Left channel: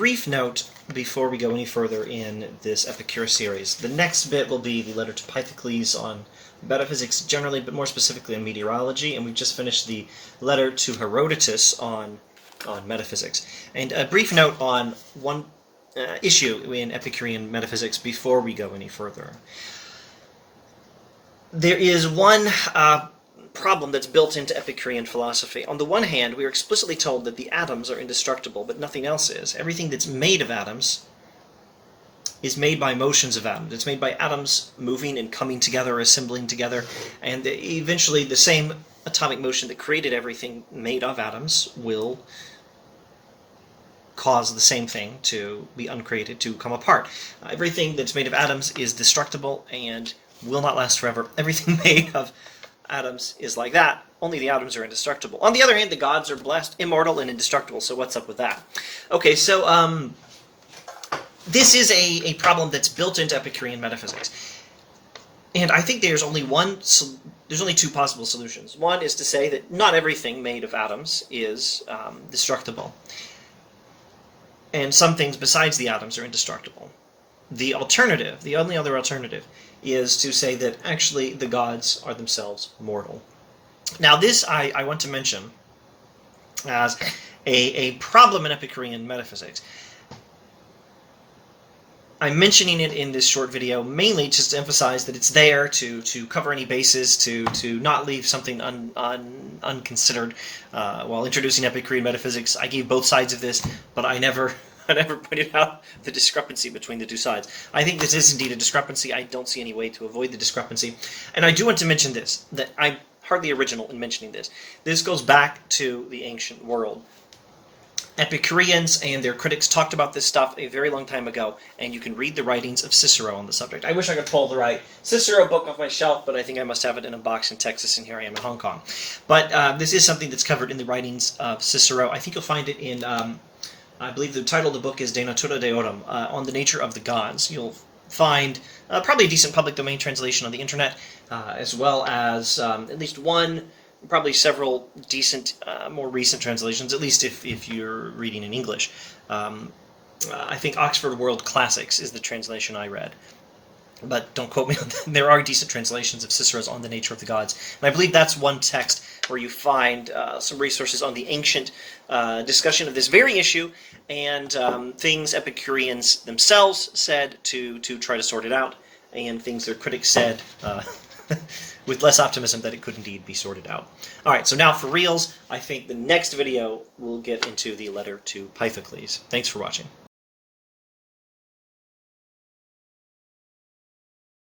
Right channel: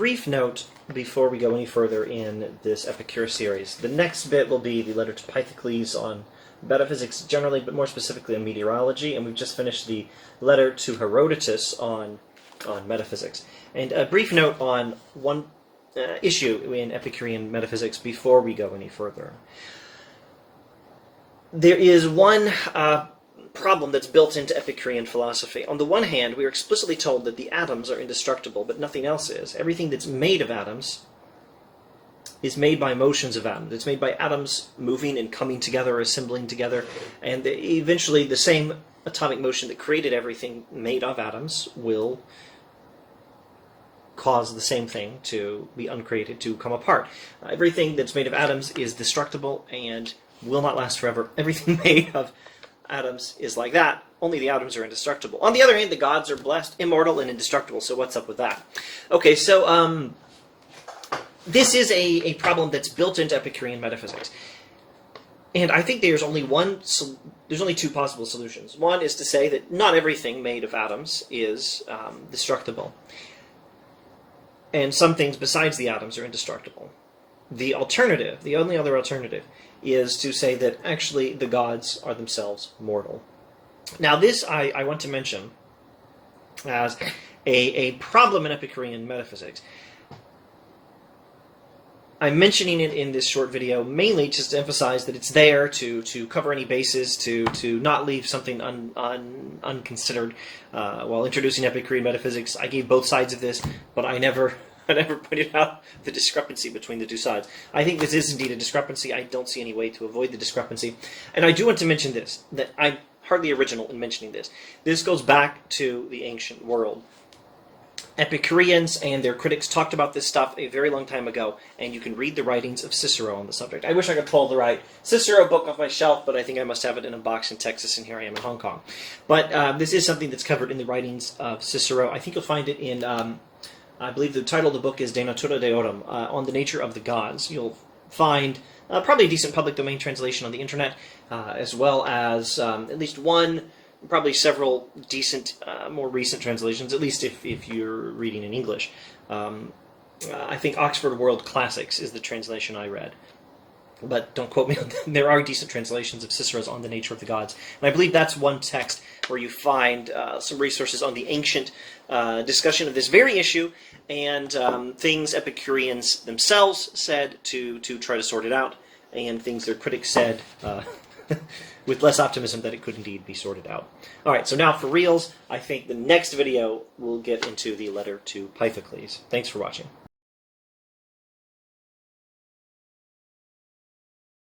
brief note before we go any further in this Epicure series. The next bit will be the letter to Pythocles on metaphysics generally, but more specifically on meteorology, and we've just finished the letter to Herodotus on metaphysics. And a brief note on one issue in Epicurean metaphysics before we go any further. There is one problem that's built into Epicurean philosophy. On the one hand, we are explicitly told that the atoms are indestructible, but nothing else is. Everything that's made of atoms is made by motions of atoms. It's made by atoms moving and coming together, assembling together, and eventually the same atomic motion that created everything made of atoms will cause the same thing to be uncreated, to come apart. Everything that's made of atoms is destructible and will not last forever. Everything made of atoms is like that. Only the atoms are indestructible. On the other hand, the gods are blessed, immortal, and indestructible. So what's up with that? Okay, so this is a problem that's built into Epicurean metaphysics. And I think there's only two possible solutions. One is to say that not everything made of atoms is destructible. And some things besides the atoms are indestructible. The alternative, the only other alternative, is to say that actually the gods are themselves mortal. Now this I want to mention as a problem in Epicurean metaphysics. I'm mentioning it in this short video mainly just to emphasize that it's there to cover any bases, to not leave something unconsidered. While introducing Epicurean metaphysics, I gave both sides of this, but I never pointed out the discrepancy between the two sides. I think this is indeed a discrepancy. I don't see any way to avoid the discrepancy. And I do want to mention this, that I'm hardly original in mentioning this. This goes back to the ancient world. Epicureans and their critics talked about this stuff a very long time ago, and you can read the writings of Cicero on the subject. I wish I could pull the right Cicero book off my shelf, but I think I must have it in a box in Texas, and here I am in Hong Kong. But this is something that's covered in the writings of Cicero. I think you'll find it in... I believe the title of the book is De Natura Deorum, on the nature of the gods. You'll find probably a decent public domain translation on the internet, as well as at least one, probably several decent, more recent translations, at least if you're reading in English. I think Oxford World Classics is the translation I read. But don't quote me on that. There are decent translations of Cicero's On the Nature of the Gods. And I believe that's one text where you find some resources on the ancient discussion of this very issue and things Epicureans themselves said to try to sort it out, and things their critics said with less optimism that it could indeed be sorted out. All right, so now for reals, I think the next video will get into the letter to Pythocles. Thanks for watching.